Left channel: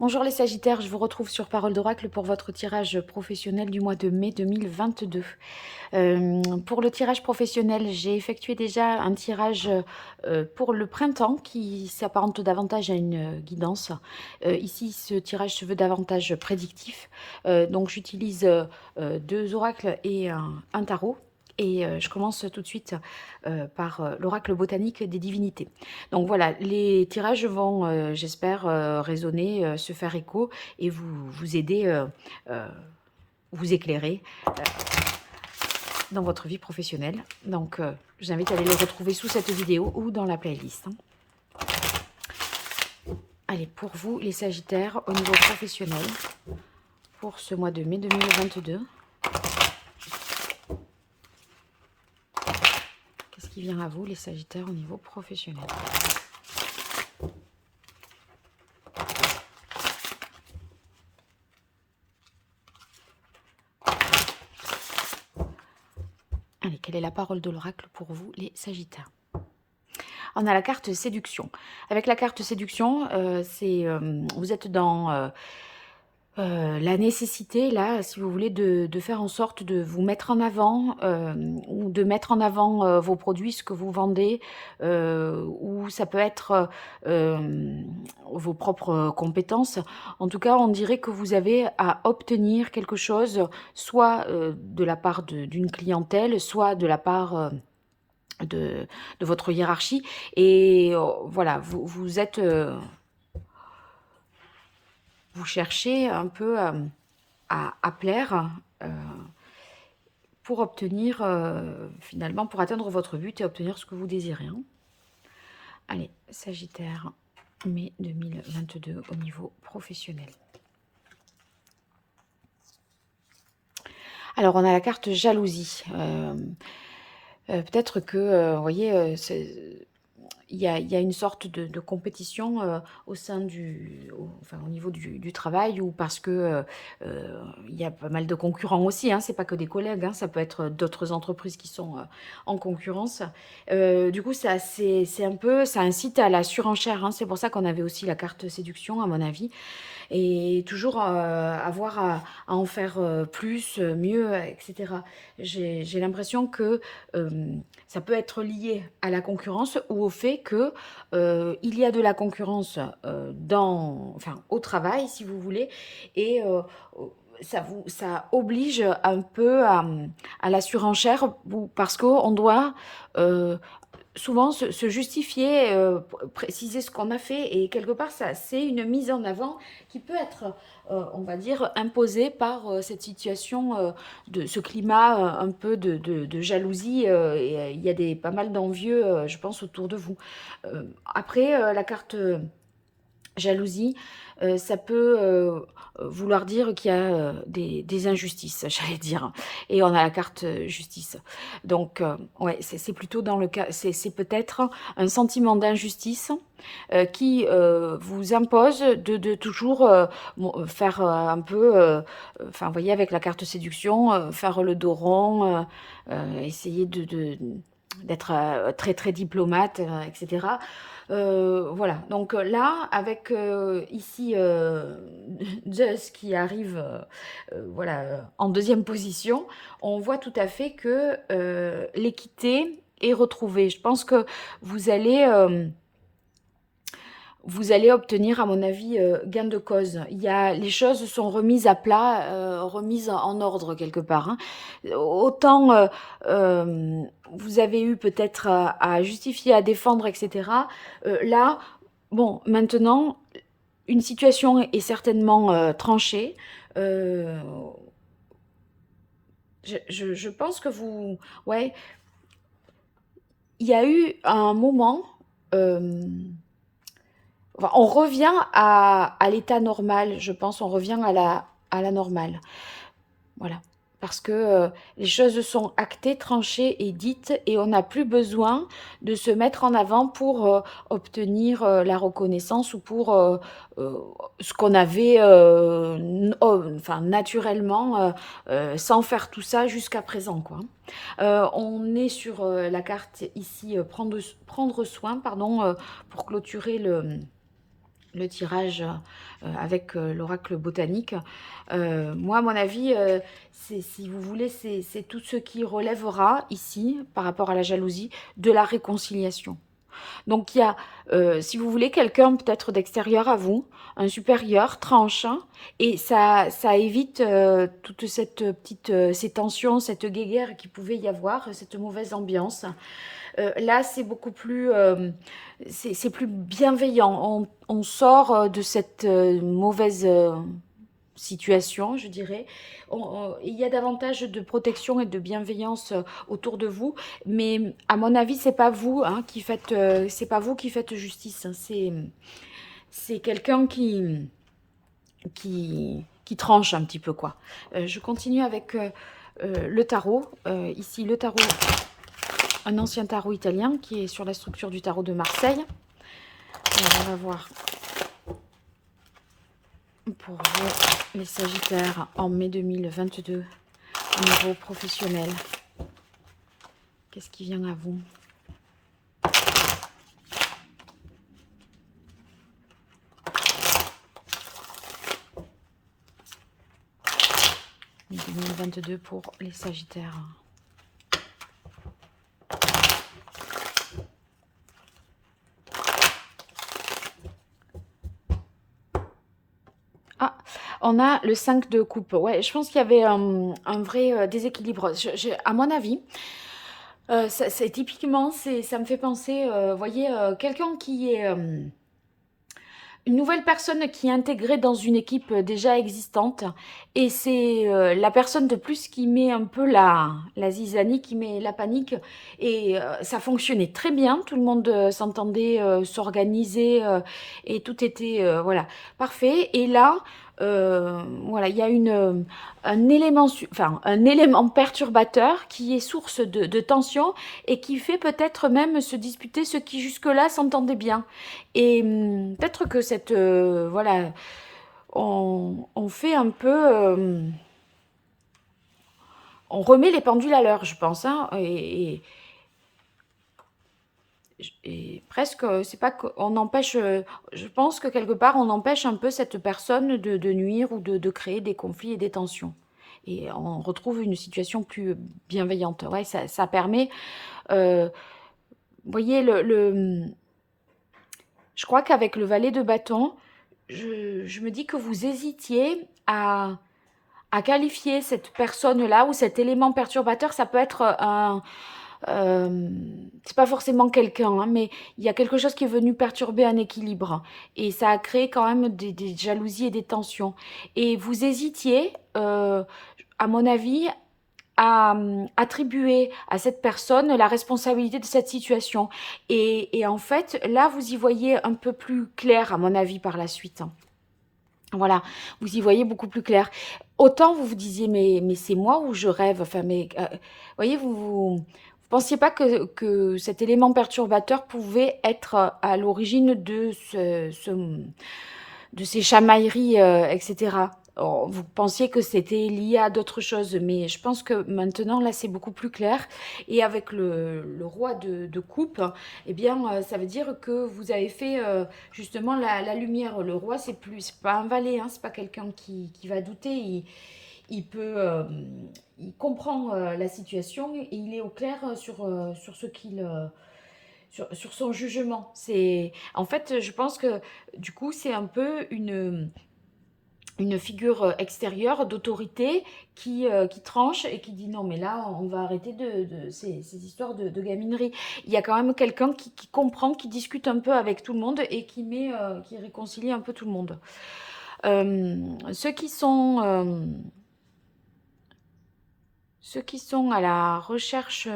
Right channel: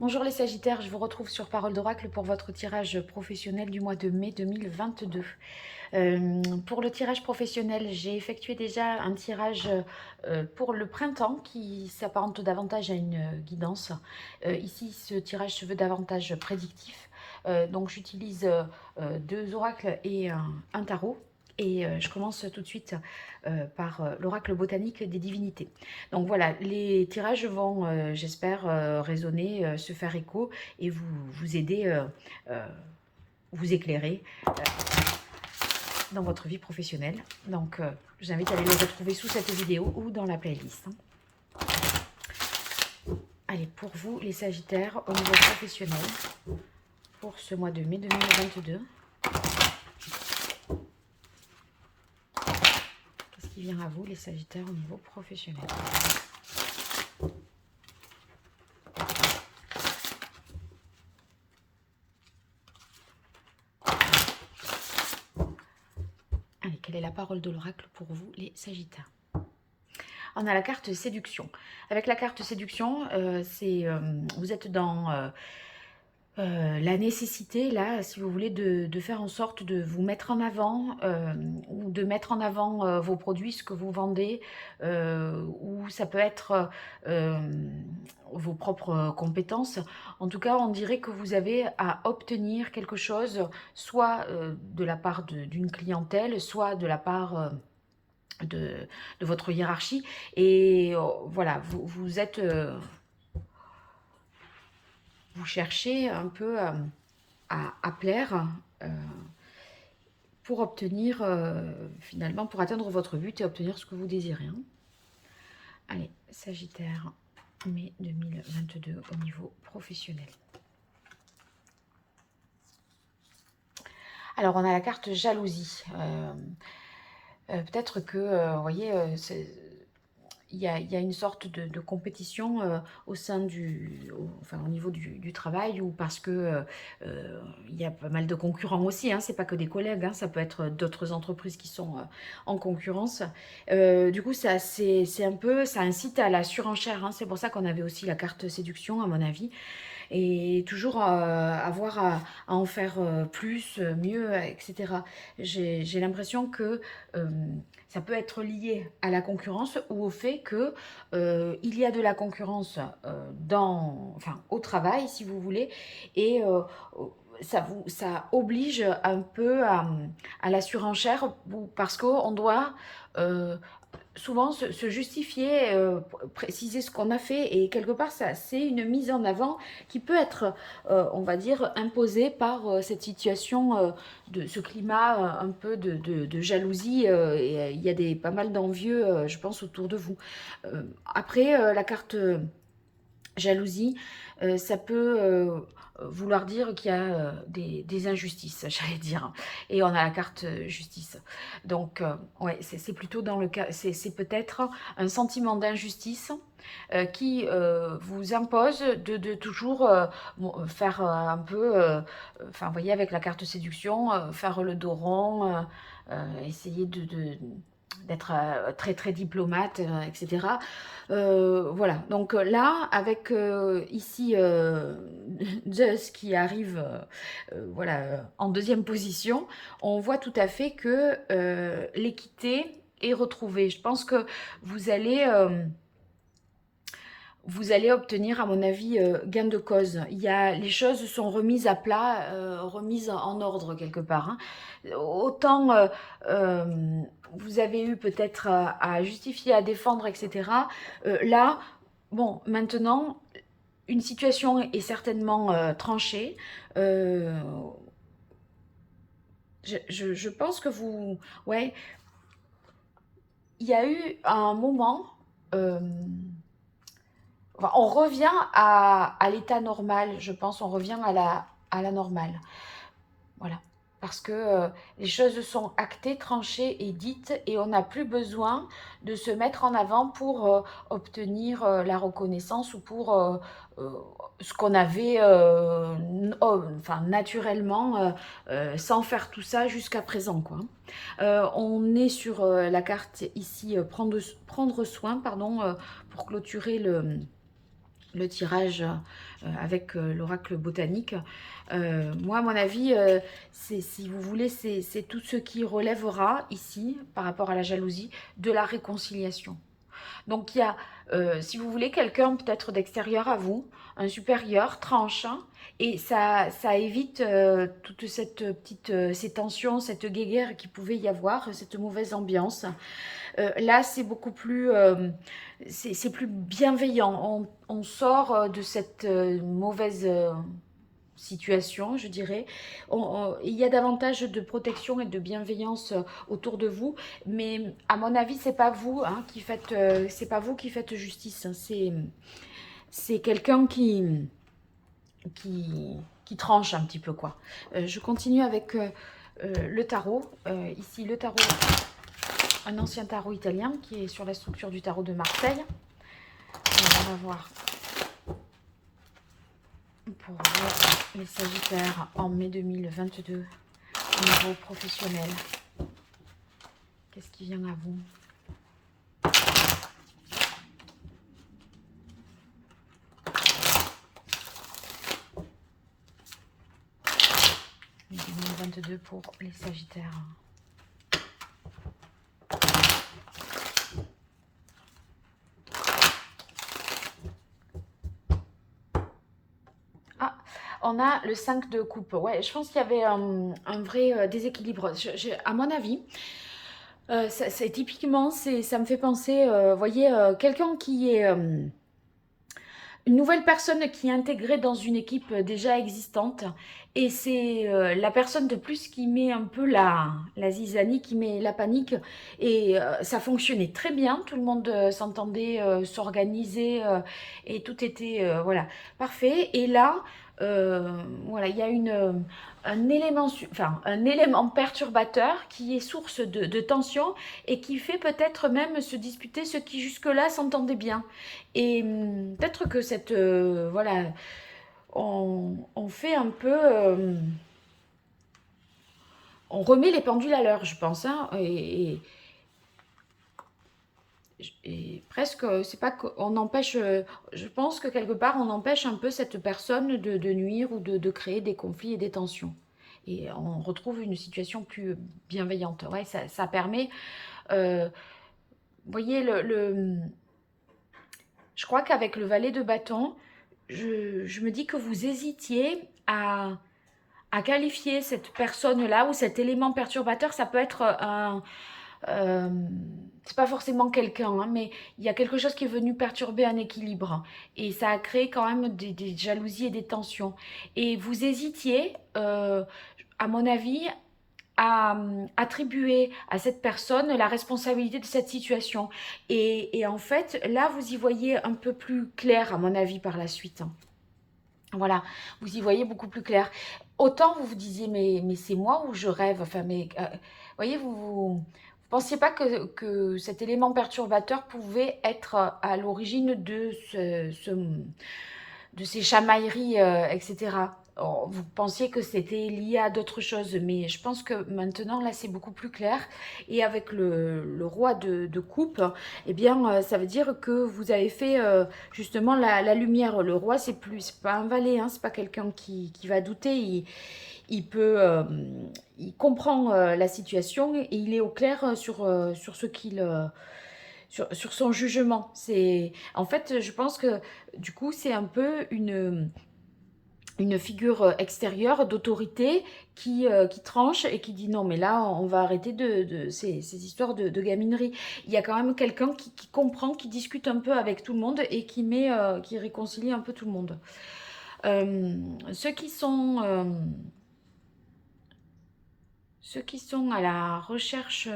Bonjour les Sagittaires, je vous retrouve sur Parole d'Oracle pour votre tirage professionnel du mois de mai 2022. Pour le tirage professionnel, j'ai effectué déjà un tirage pour le printemps qui s'apparente davantage à une guidance. Ici, ce tirage se veut davantage prédictif. Donc j'utilise deux oracles et un tarot. Et je commence tout de suite par l'oracle botanique des divinités. Donc voilà, les tirages vont, j'espère, résonner, se faire écho et vous aider, euh, vous éclairer dans votre vie professionnelle. Donc j'invite à aller les retrouver sous cette vidéo ou dans la playlist. Allez, pour vous les Sagittaires, au niveau professionnel, pour ce mois de mai 2022, qu'est-ce qui vient à vous les Sagittaires au niveau professionnel? Allez, quelle est la parole de l'oracle pour vous les Sagittaires? On a la carte séduction. Avec la carte séduction, vous êtes dans la nécessité, là, si vous voulez, de faire en sorte de vous mettre en avant, ou de mettre en avant vos produits, ce que vous vendez, ou ça peut être vos propres compétences. En tout cas, on dirait que vous avez à obtenir quelque chose, soit de la part d'une clientèle, soit de la part de votre hiérarchie. Et voilà, vous cherchez un peu à plaire pour obtenir, finalement, pour atteindre votre but et obtenir ce que vous désirez. Hein. Allez, Sagittaire, mai 2022 au niveau professionnel. Alors, on a la carte jalousie. Peut-être que, vous voyez, il y a une sorte de compétition au sein enfin, au niveau du travail, ou parce que il y a pas mal de concurrents aussi, hein, c'est pas que des collègues, hein, ça peut être d'autres entreprises qui sont en concurrence. Du coup, c'est un peu, ça incite à la surenchère, hein, c'est pour ça qu'on avait aussi la carte séduction, à mon avis, et toujours avoir à en faire plus, mieux, etc. J'ai l'impression que ça peut être lié à la concurrence ou au fait que il y a de la concurrence enfin, au travail, si vous voulez, et ça oblige un peu à la surenchère, parce qu'on doit euh, souvent se justifier, préciser ce qu'on a fait, et quelque part, ça, c'est une mise en avant qui peut être, on va dire, imposée par cette situation, de ce climat un peu de jalousie. Et, il y a pas mal d'envieux, je pense, autour de vous. Après, la carte jalousie, ça peut vouloir dire qu'il y a des injustices, j'allais dire. Et on a la carte justice. Donc, ouais, c'est plutôt dans le cas, c'est peut-être un sentiment d'injustice qui vous impose de toujours faire un peu, enfin, vous voyez, avec la carte séduction, faire le dos rond, essayer d'être très très diplomate, etc. Voilà, donc là, avec ici Zeus qui arrive, voilà, en deuxième position, on voit tout à fait que l'équité est retrouvée. Je pense que vous allez, euh, vous allez obtenir, à mon avis, gain de cause. Les choses sont remises à plat, remises en ordre quelque part. Hein. Autant vous avez eu peut-être à justifier, à défendre, etc. Là, bon, maintenant, une situation est certainement tranchée. Euh, je pense que ouais, il y a eu un moment. euh, Enfin, on revient à l'état normal, je pense, on revient à la normale. Voilà. Parce que les choses sont actées, tranchées et dites, et on n'a plus besoin de se mettre en avant pour obtenir la reconnaissance, ou pour euh, ce qu'on avait enfin, naturellement, sans faire tout ça jusqu'à présent, quoi. On est sur la carte ici, prendre soin, pardon, pour clôturer le tirage avec l'oracle botanique. Moi, à mon avis, si vous voulez, c'est tout ce qui relèvera ici, par rapport à la jalousie, de la réconciliation. Donc, il y a, si vous voulez, quelqu'un peut-être d'extérieur à vous, un supérieur, tranche, hein, et ça évite toute cette petite, ces tensions, cette guéguerre qui pouvait y avoir, cette mauvaise ambiance. Là, c'est beaucoup plus, c'est plus bienveillant. On sort de cette mauvaise situation, je dirais. Il y a davantage de protection et de bienveillance autour de vous, mais à mon avis, c'est pas vous hein, qui faites, c'est pas vous qui faites justice. Hein. C'est quelqu'un qui tranche un petit peu quoi. Je continue avec le tarot. Ici, le tarot, un ancien tarot italien qui est sur la structure du tarot de Marseille. On va voir pour vous, les Sagittaires, en mai 2022, au niveau professionnel. Qu'est-ce qui vient à vous? Mai 2022 pour les Sagittaires. On a le 5 de coupe. Ouais, je pense qu'il y avait un vrai déséquilibre. À mon avis, c'est typiquement, ça me fait penser, voyez, quelqu'un qui est une nouvelle personne qui est intégrée dans une équipe déjà existante. Et c'est la personne de plus qui met un peu la zizanie, qui met la panique. Et ça fonctionnait très bien. Tout le monde s'entendait, s'organisait et tout était voilà, parfait. Et là, voilà, il y a un élément perturbateur qui est source de tension et qui fait peut-être même se disputer ceux qui jusque-là s'entendaient bien. Et peut-être que cette voilà, on fait un peu, on remet les pendules à l'heure, je pense, hein, et presque, c'est pas qu'on empêche, je pense que quelque part on empêche un peu cette personne de nuire ou de créer des conflits et des tensions. Et on retrouve une situation plus bienveillante. Ouais, ça permet, vous voyez, je crois qu'avec le valet de bâton, je me dis que vous hésitiez à qualifier cette personne-là ou cet élément perturbateur. Ça peut être c'est pas forcément quelqu'un, hein, mais il y a quelque chose qui est venu perturber un équilibre. Et ça a créé quand même des jalousies et des tensions. Et vous hésitiez, à mon avis, à attribuer à cette personne la responsabilité de cette situation. Et en fait, là, vous y voyez un peu plus clair, à mon avis, par la suite. Voilà, vous y voyez beaucoup plus clair. Autant vous vous disiez, mais c'est moi ou je rêve. Enfin, mais voyez, vous pensiez pas que cet élément perturbateur pouvait être à l'origine de ces chamailleries, etc. Oh, vous pensiez que c'était lié à d'autres choses, mais je pense que maintenant, là, c'est beaucoup plus clair. Et avec le roi de coupe, eh bien, ça veut dire que vous avez fait justement la lumière. Le roi, c'est pas un valet, hein, c'est pas quelqu'un qui va douter. Il peut, il comprend la situation et il est au clair sur ce qu'il sur son jugement. En fait, je pense que du coup, c'est un peu une figure extérieure d'autorité qui tranche et qui dit non, mais là, on va arrêter ces histoires de gaminerie. Il y a quand même quelqu'un qui comprend, qui discute un peu avec tout le monde et qui réconcilie un peu tout le monde. Ceux qui sont à la recherche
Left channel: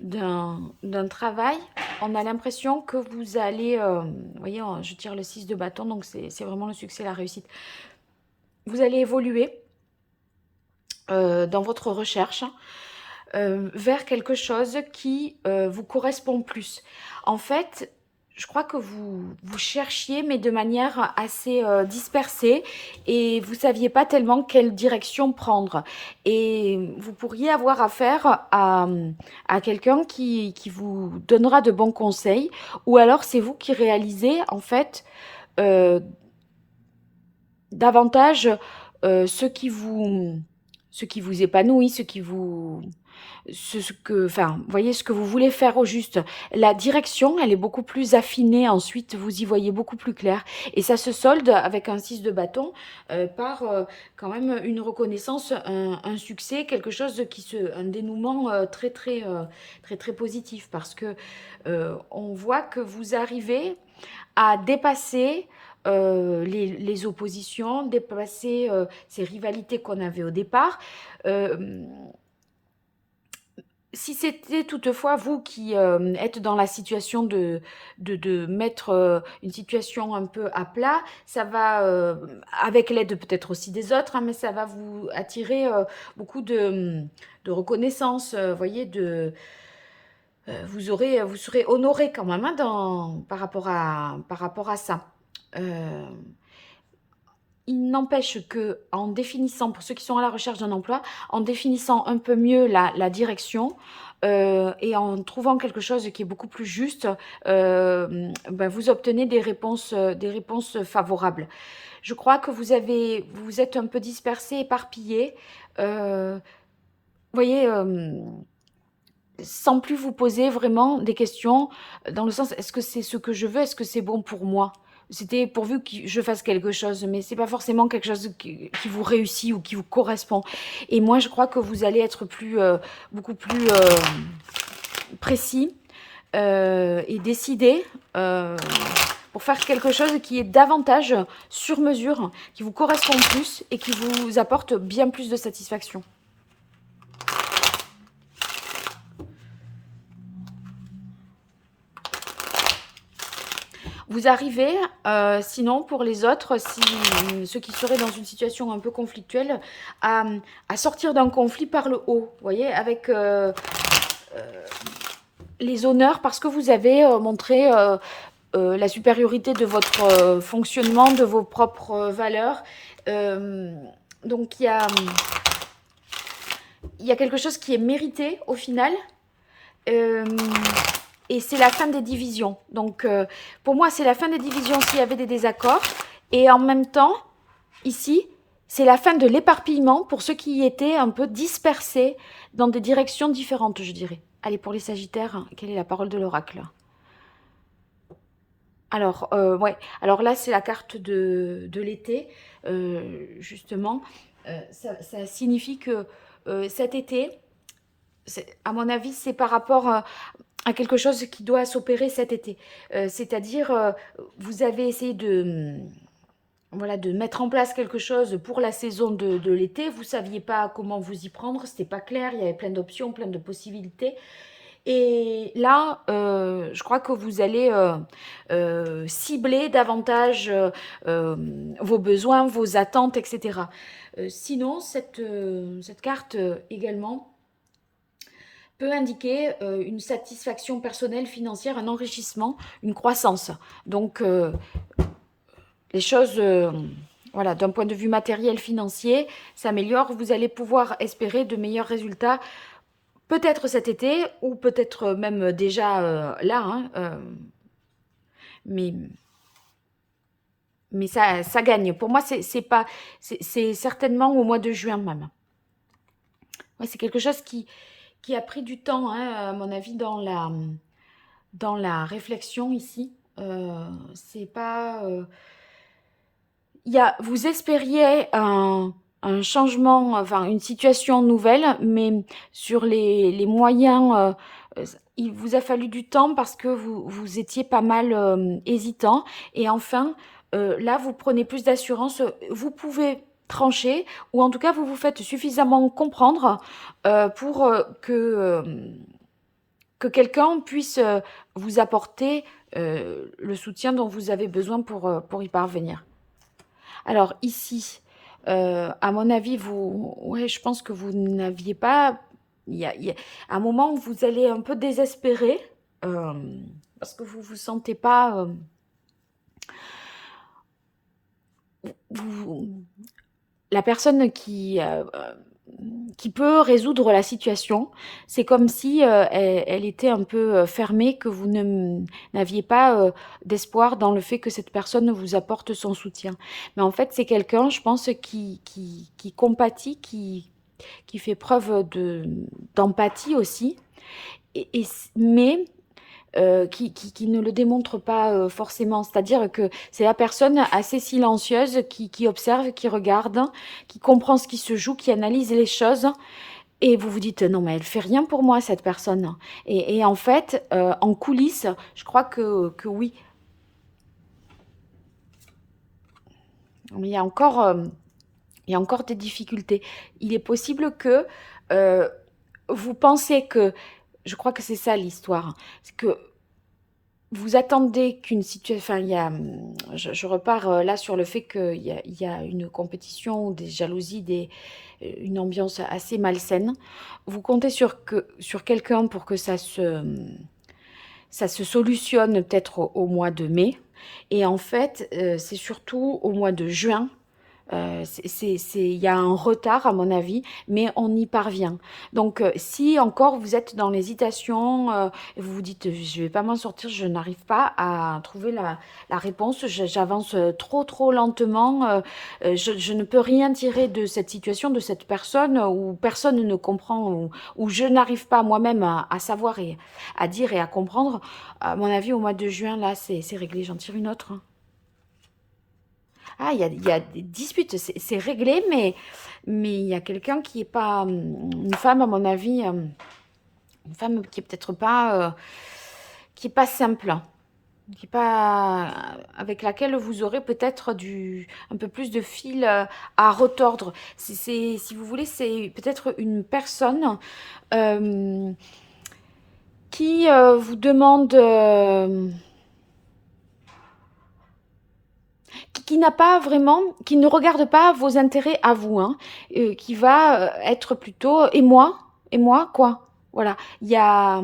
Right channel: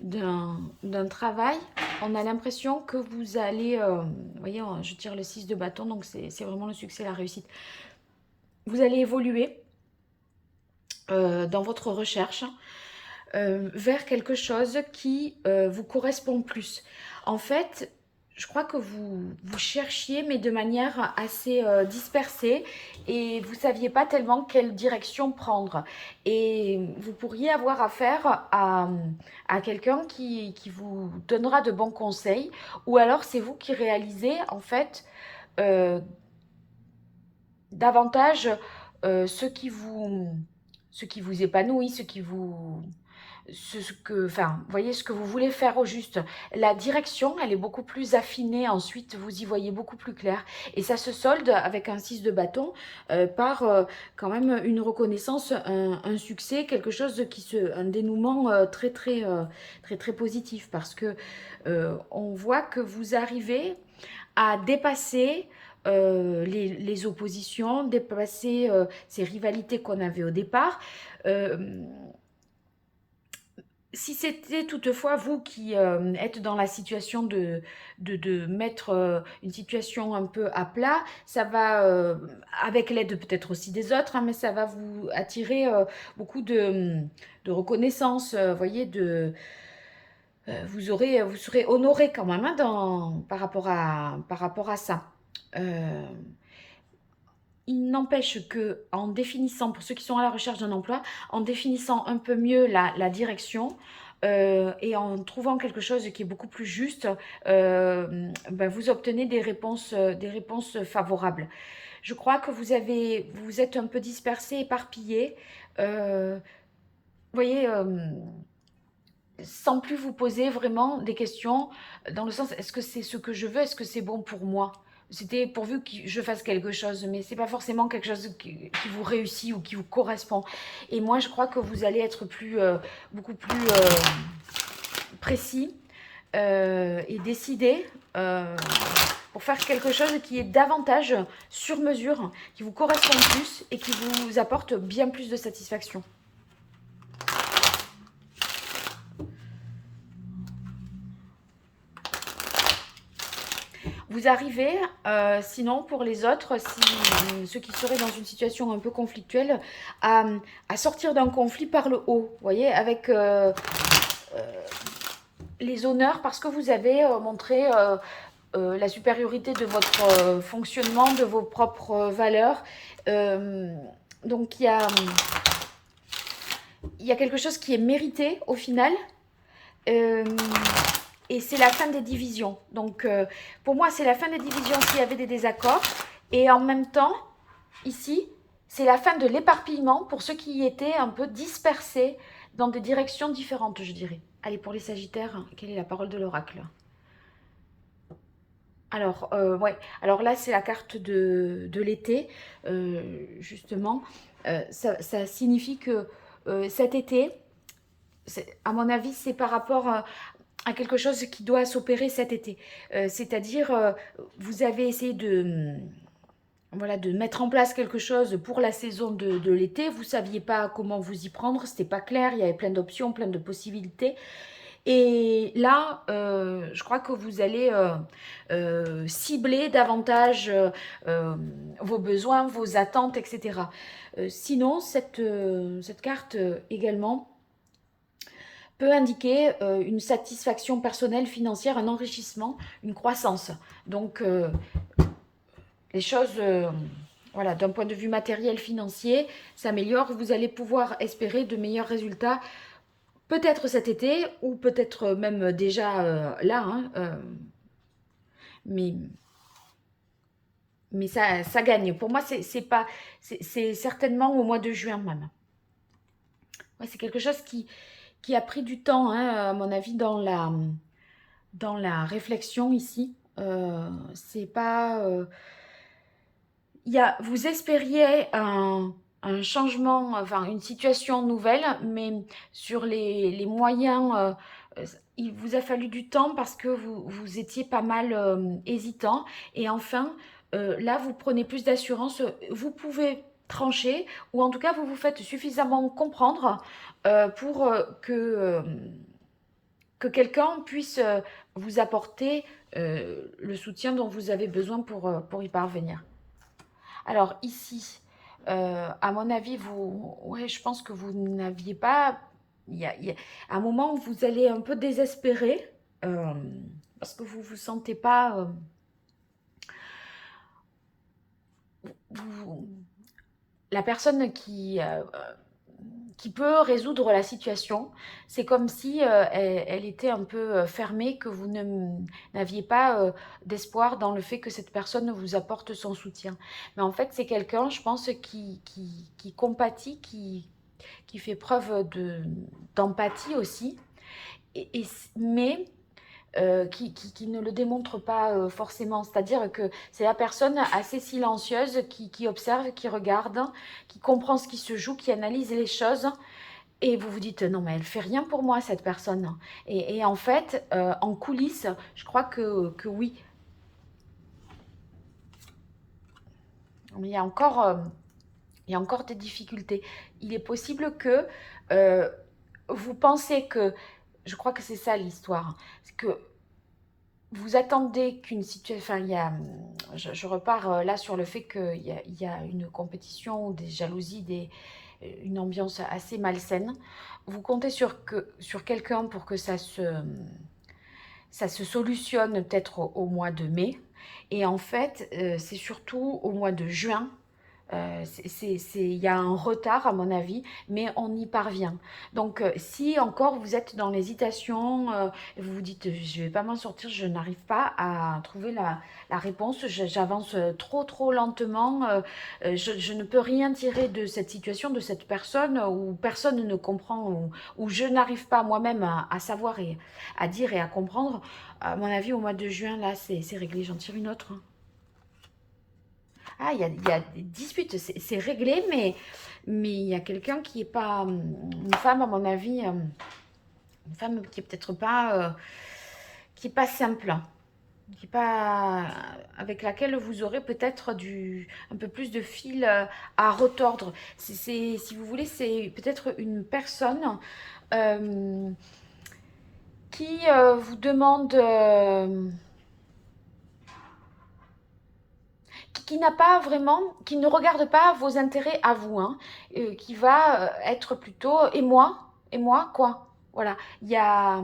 d'un travail, on a l'impression que vous allez, vous voyez, je tire le 6 de bâton, donc c'est vraiment le succès, la réussite. Vous allez évoluer dans votre recherche vers quelque chose qui vous correspond plus. En fait, je crois que vous cherchiez, mais de manière assez dispersée, et vous ne saviez pas tellement quelle direction prendre. Et vous pourriez avoir affaire à quelqu'un qui vous donnera de bons conseils, ou alors c'est vous qui réalisez, en fait, euh, davantage ce ce qui vous épanouit, ce que, enfin, vous voyez ce que vous voulez faire au juste. La direction, elle est beaucoup plus affinée. Ensuite, vous y voyez beaucoup plus clair. Et ça se solde avec un 6 de bâton par quand même une reconnaissance, un succès, quelque chose un dénouement très positif. Parce que on voit que vous arrivez à dépasser les oppositions, dépasser ces rivalités qu'on avait au départ. Euh, Si c'était toutefois vous qui êtes dans la situation de mettre une situation un peu à plat, ça va, avec l'aide peut-être aussi des autres, hein, mais ça va vous attirer beaucoup de reconnaissance, voyez, vous serez honoré quand même hein, par rapport à ça. Euh, il n'empêche que en définissant, pour ceux qui sont à la recherche d'un emploi, en définissant un peu mieux la direction et en trouvant quelque chose qui est beaucoup plus juste, ben, vous obtenez des réponses favorables. Je crois que vous êtes un peu dispersé, éparpillé. Vous voyez, sans plus vous poser vraiment des questions dans le sens est-ce que c'est ce que je veux, est-ce que c'est bon pour moi? C'était pourvu que je fasse quelque chose, mais c'est pas forcément quelque chose qui vous réussit ou qui vous correspond. Et moi, je crois que vous allez être beaucoup plus précis et décidé pour faire quelque chose qui est davantage sur mesure, qui vous correspond plus et qui vous apporte bien plus de satisfaction. Vous arrivez, sinon pour les autres, ceux qui seraient dans une situation un peu conflictuelle, à, à sortir d'un conflit par le haut, vous voyez, avec les honneurs, parce que vous avez montré la supériorité de votre fonctionnement, de vos propres valeurs. Euh, donc il y a quelque chose qui est mérité au final. Euh, et c'est la fin des divisions. Donc, pour moi, c'est la fin des divisions s'il y avait des désaccords. Et en même temps, ici, c'est la fin de l'éparpillement pour ceux qui étaient un peu dispersés dans des directions différentes, je dirais. Allez, pour les Sagittaires, quelle est la parole de l'oracle? Alors, ouais. Alors là, c'est la carte de l'été, justement. Ça signifie que cet été, à mon avis, c'est par rapport à quelque chose qui doit s'opérer cet été. C'est-à-dire, vous avez essayé voilà, de mettre en place quelque chose pour la saison de l'été. Vous ne saviez pas comment vous y prendre, c'était pas clair, il y avait plein d'options, plein de possibilités. Et là, je crois que vous allez cibler davantage vos besoins, vos attentes, etc. Sinon, cette carte également peut indiquer une satisfaction personnelle, financière, un enrichissement, une croissance. Donc, les choses, voilà, d'un point de vue matériel, financier, s'améliorent. Vous allez pouvoir espérer de meilleurs résultats, peut-être cet été ou peut-être même déjà là. Hein, mais mais ça gagne. Pour moi, c'est pas, c'est certainement au mois de juin même. Ouais, c'est quelque chose qui a pris du temps, hein, à mon avis, dans la réflexion ici. C'est pas. Vous espériez un changement, enfin une situation nouvelle, mais sur les moyens, il vous a fallu du temps parce que vous étiez pas mal hésitant. Et enfin, là, vous prenez plus d'assurance. Vous pouvez trancher, ou en tout cas, vous vous faites suffisamment comprendre pour que quelqu'un puisse vous apporter le soutien dont vous avez besoin pour y parvenir. Alors ici, à mon avis, ouais, je pense que vous n'aviez pas, il y a à un moment où vous allez un peu désespérer euh, parce que vous vous sentez pas, vous- la personne qui peut résoudre la situation. C'est comme si elle était un peu fermée, que vous n'aviez pas d'espoir dans le fait que cette personne vous apporte son soutien. Mais en fait, c'est quelqu'un, je pense, qui compatit, qui fait preuve d'empathie aussi, mais qui ne le démontre pas forcément. C'est-à-dire que c'est la personne assez silencieuse qui observe, qui regarde, qui comprend ce qui se joue, qui analyse les choses. Et vous vous dites, non, mais elle fait rien pour moi, cette personne. Et en fait, en coulisses, je crois que oui. Mais il y a encore des difficultés. Il est possible que euh, vous pensez que, je crois que c'est ça l'histoire, c'est que vous attendez qu'une situation, enfin, je repars là sur le fait qu'il y a une compétition, des jalousies, une ambiance assez malsaine. Vous comptez sur quelqu'un pour que ça se solutionne peut-être au mois de mai. Et en fait, c'est surtout au mois de juin. Il y a un retard à mon avis, mais on y parvient. Donc, si encore vous êtes dans l'hésitation, vous vous dites, je ne vais pas m'en sortir, je n'arrive pas à trouver la réponse, j'avance trop trop lentement, je ne peux rien tirer de cette situation, de cette personne, où personne ne comprend, où je n'arrive pas moi-même à savoir et à dire et à comprendre. À mon avis, au mois de juin, là, c'est réglé. J'en tire une autre, hein. Ah, il y a des disputes, c'est réglé, mais il y a quelqu'un qui est pas, une femme, à mon avis, une femme qui est peut-être pas, qui est pas simple, qui est pas, avec laquelle vous aurez peut-être un peu plus de fil à retordre. Si vous voulez, c'est peut-être une personne euh, qui vous demande, qui n'a pas vraiment, qui ne regarde pas vos intérêts à vous, hein, qui va être plutôt et moi, quoi. Voilà. Il y a,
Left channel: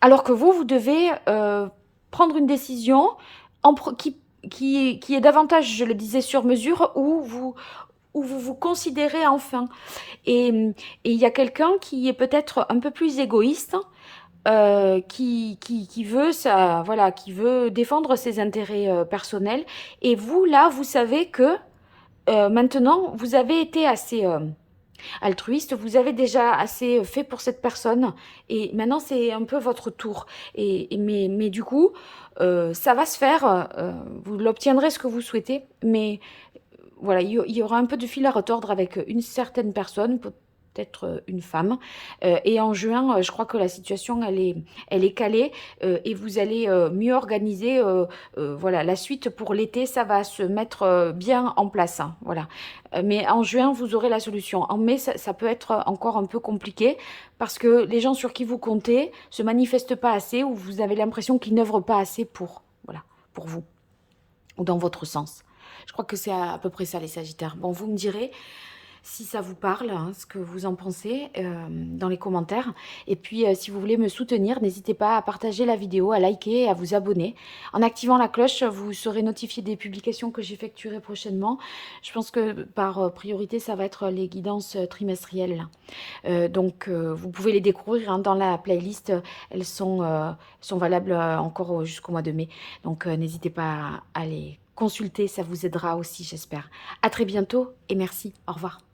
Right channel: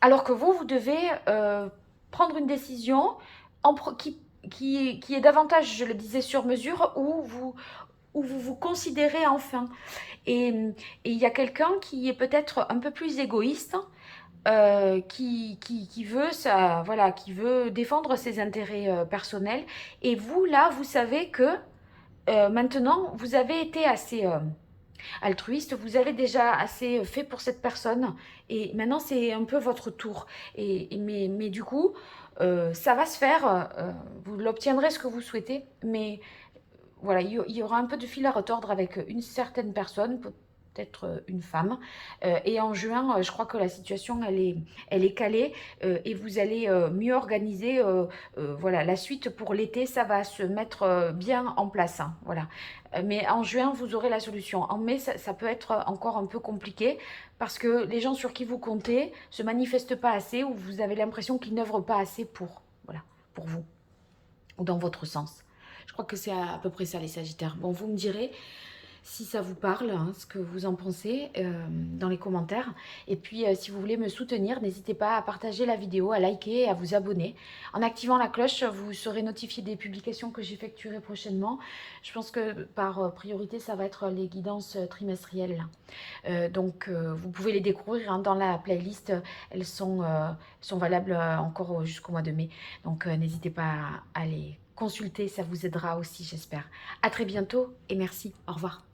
alors que vous devez prendre une décision qui est davantage, je le disais, sur mesure, où vous vous considérez enfin. Et il y a quelqu'un qui est peut-être un peu plus égoïste, qui veut ça, voilà, qui veut défendre ses intérêts personnels. Et vous, là, vous savez que maintenant, vous avez été assez altruiste, vous avez déjà assez fait pour cette personne, et maintenant, c'est un peu votre tour. Mais du coup, ça va se faire, vous l'obtiendrez ce que vous souhaitez, mais voilà, il y aura un peu de fil à retordre avec une certaine personne, peut-être une femme. Et en juin, je crois que la situation, elle est calée, et vous allez mieux organiser. Voilà, la suite pour l'été, ça va se mettre bien en place, hein, voilà. Mais en juin, vous aurez la solution. En mai, ça peut être encore un peu compliqué parce que les gens sur qui vous comptez se manifestent pas assez, ou vous avez l'impression qu'ils n'œuvrent pas assez voilà, pour vous ou dans votre sens. Je crois que c'est à peu près ça, les Sagittaires. Bon, vous me direz si ça vous parle, hein, ce que vous en pensez dans les commentaires. Et puis, si vous voulez me soutenir, n'hésitez pas à partager la vidéo, à liker et à vous abonner. En activant la cloche, vous serez notifié des publications que j'effectuerai prochainement. Je pense que par priorité, ça va être les guidances trimestrielles. Donc, vous pouvez les découvrir hein, dans la playlist. Elles sont valables encore jusqu'au mois de mai. Donc, n'hésitez pas à les consulter. Ça vous aidera aussi, j'espère. À très bientôt et merci. Au revoir.